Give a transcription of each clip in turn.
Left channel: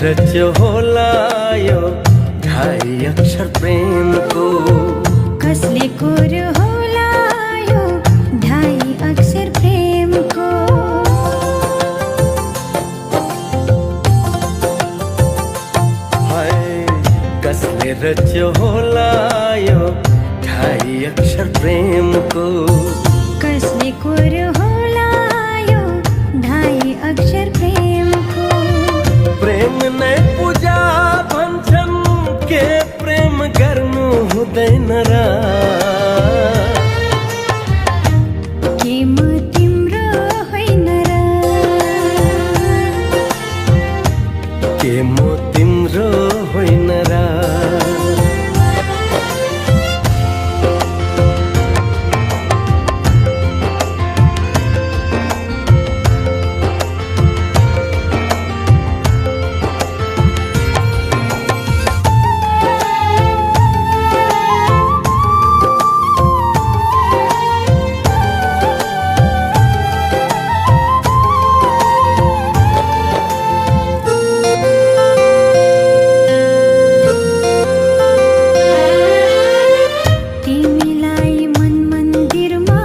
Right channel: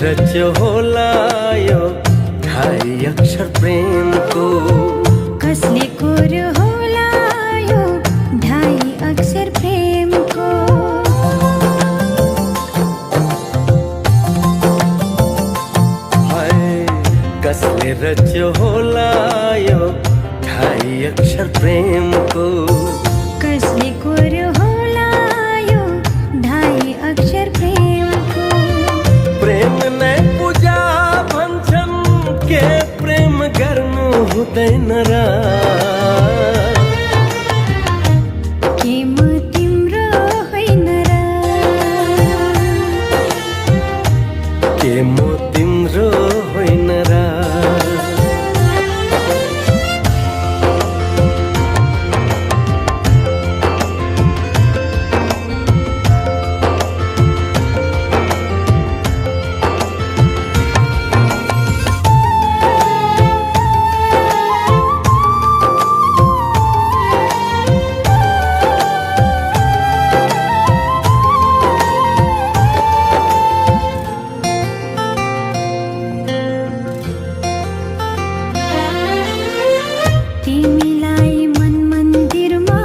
रच्यो होला यो ढाई अक्षर प्रेमको। कसले कोर्यो होला यो ढाई अक्षर प्रेमको। हाय कसले रच्यो होला यो ढाई अक्षर प्रेमको। कसले कोर्यो होला यो ढाई अक्षर प्रेमको। प्रेम नै पूजा भन्छन् के प्रेम गर्नु हुँदैन र। के म तिम्रो होइन र। के म तिम्रो होइन र। तिमीलाई मन मन्दिरमा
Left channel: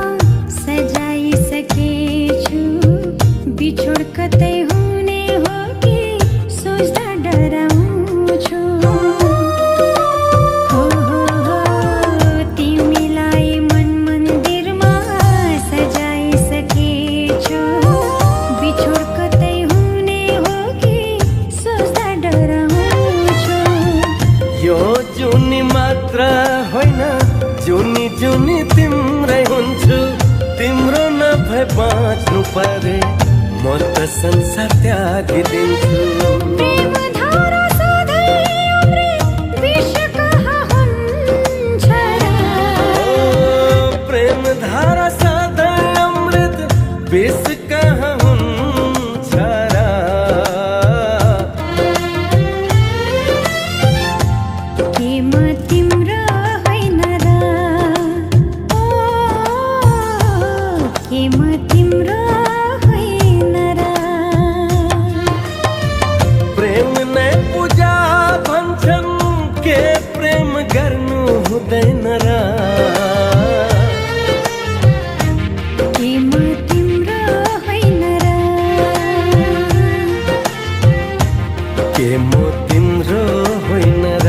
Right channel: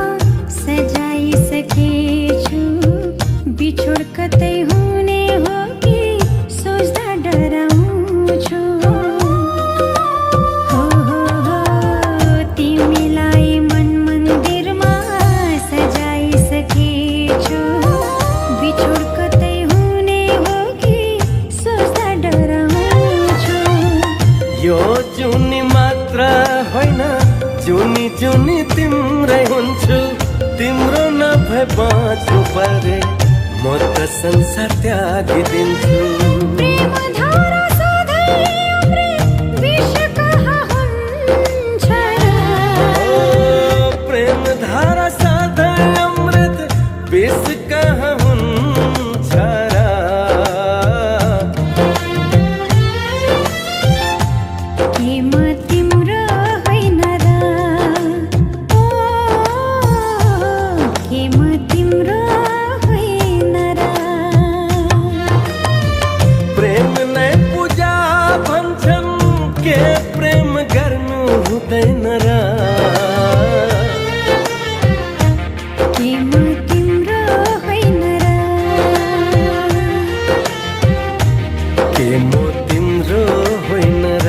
सजाइसकेछु। बिछोड कतै हुने हो कि सोच्दा डराउँछु। हो तिमीलाई मन मन्दिरमा सजाइसकेछु। बिछोड कतै हुने हो कि सोच्दा डराउँछु। यो जुनी मात्र होइन जुनी जुनी तिम्रै हुन्छु। तिम्रो नभए बाँच्नु परे म त संसार त्यागिदिन्छु। प्रेम धारा सधैँ अमृत विष कहाँ हुन्छ र। ओ प्रेम धारा सधैँ अमृत विष कहाँ हुन्छ र। के म तिम्रो होइन र। ओ के म तिम्रो होइन र। प्रेम नै पूजा भन्छन् के प्रेम गर्नु हुँदैन र। के म तिम्रो होइन र। के म तिम्रो होइन र।